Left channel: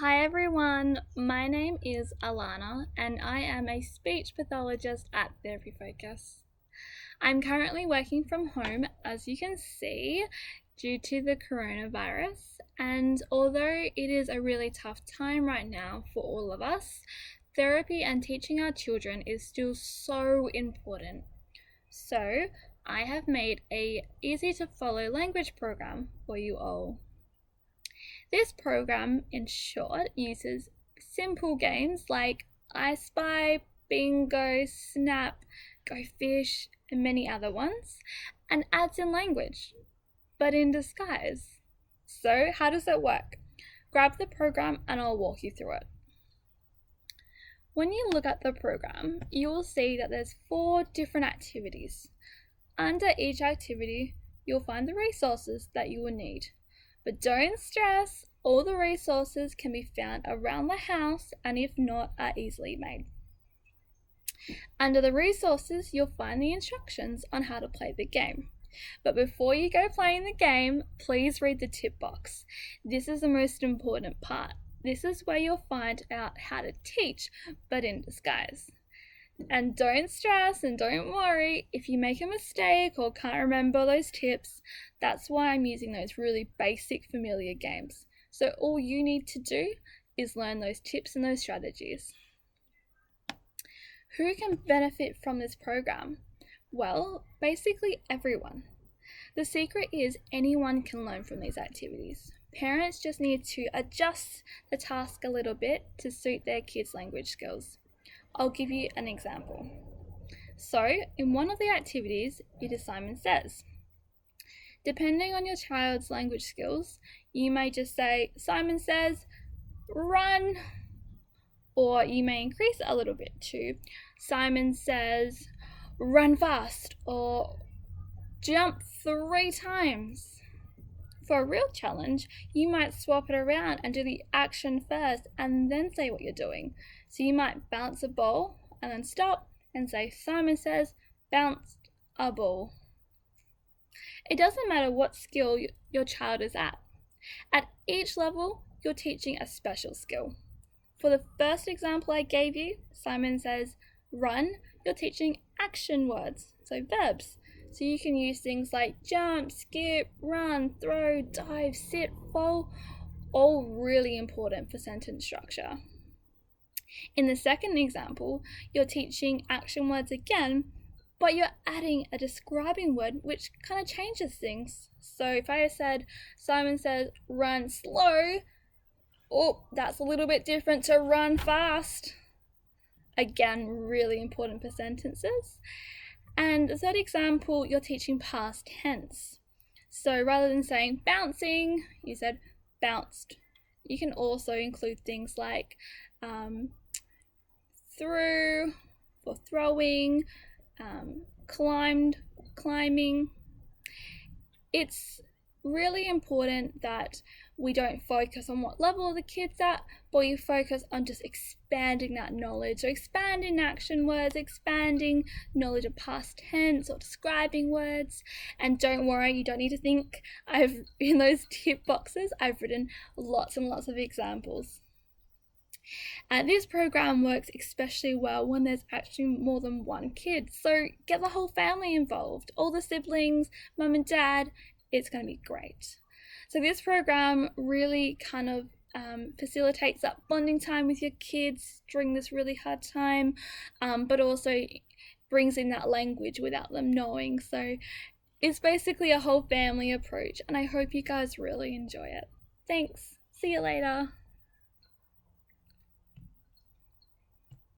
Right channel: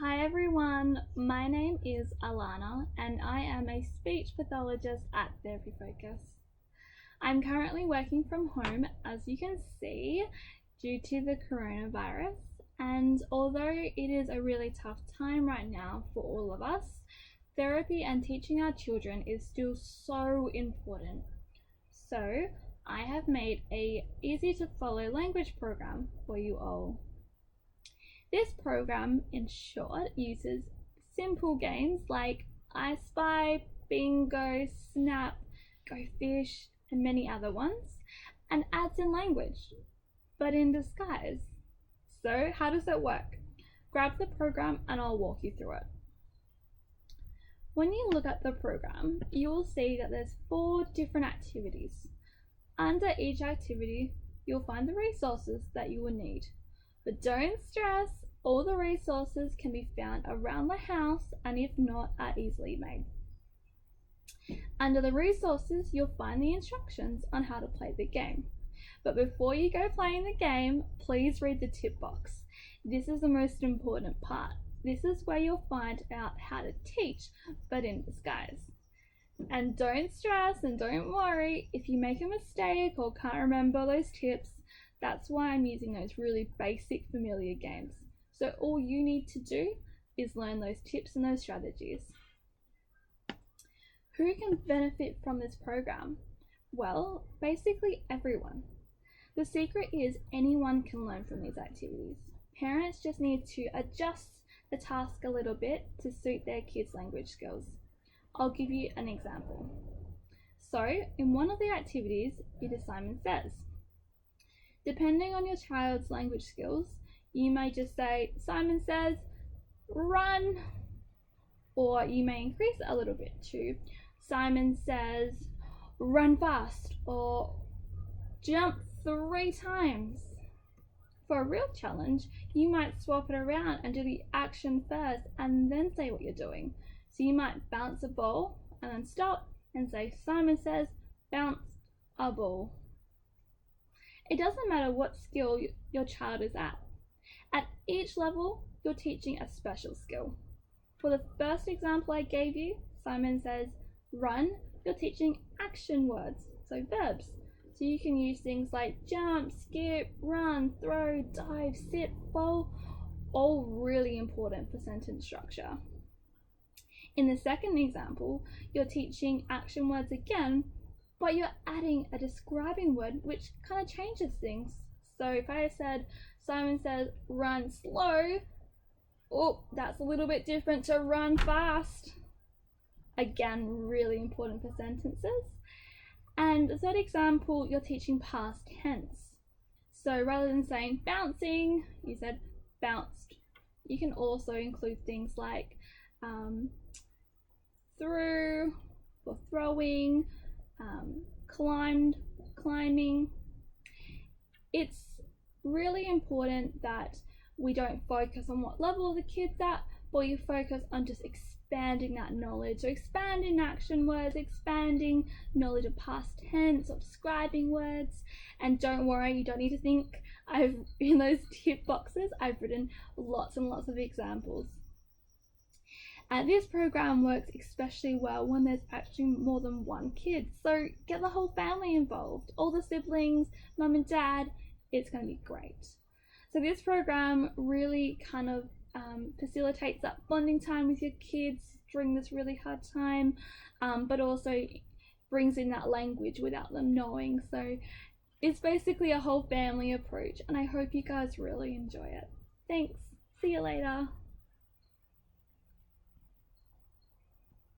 Hi everyone, my name is Alana and I am a speech pathologist at Therapy Focus. I'm currently working from home, as you can see, due to the coronavirus, and although it is a really tough time right now for all of us, therapy and teaching our children is still so important. So, I have made a easy to follow language program for you all. This program, in short, uses simple games like I Spy, Bingo, Snap, Go Fish, and many other ones, and adds in language, but in disguise. So, how does it work? Grab the program and I'll walk you through it. When you look at the program, you will see that there's 4 different activities. Under each activity, you'll find the resources that you will need. But don't stress, all the resources can be found around the house and if not, are easily made. Under the resources, you'll find the instructions on how to play the game. But before you go playing the game, please read the tip box. This is the most important part. This is where you'll find out how to teach, but in disguise. And don't stress and don't worry if you make a mistake or can't remember those tips. That's why I'm using those really basic familiar games. So all you need to do is learn those tips and those strategies. Who can benefit from this program? Well, basically everyone. The secret is anyone can learn from these activities. Parents just need to adjust the task a little bit to suit their kids' language skills. I'll give you an example. So, in one of the activities, it is Simon Says. Depending on your child's language skills, you may just say, Simon says, run, or you may increase it a little bit to, Simon says, run fast, or jump 3 times. For a real challenge, you might swap it around and do the action first and then say what you're doing. So you might bounce a ball and then stop and say, Simon says, bounced a ball. It doesn't matter what skill your child is at. At each level, you're teaching a special skill. For the first example I gave you, Simon says, run, you're teaching action words, so verbs. So you can use things like jump, skip, run, throw, dive, sit, fall, all really important for sentence structure. In the second example, you're teaching action words again, but you're adding a describing word which kind of changes things. So if I said, Simon says, run slow, oh, that's a little bit different to run fast. Again, really important for sentences. And the third example, you're teaching past tense. So rather than saying bouncing, you said bounced. You can also include things like threw for throwing, climbed, climbing. It's really important that we don't focus on what level the kid's at, but you focus on just expanding that knowledge. So expanding action words, expanding knowledge of past tense or describing words. And don't worry, you don't need to think in those tip boxes, I've written lots and lots of examples. This program works especially well when there's actually more than one kid. So get the whole family involved, all the siblings, mum and dad. It's going to be great. So this program really kind of facilitates that bonding time with your kids during this really hard time, but also brings in that language without them knowing. So it's basically a whole family approach, and I hope you guys really enjoy it. Thanks. See you later.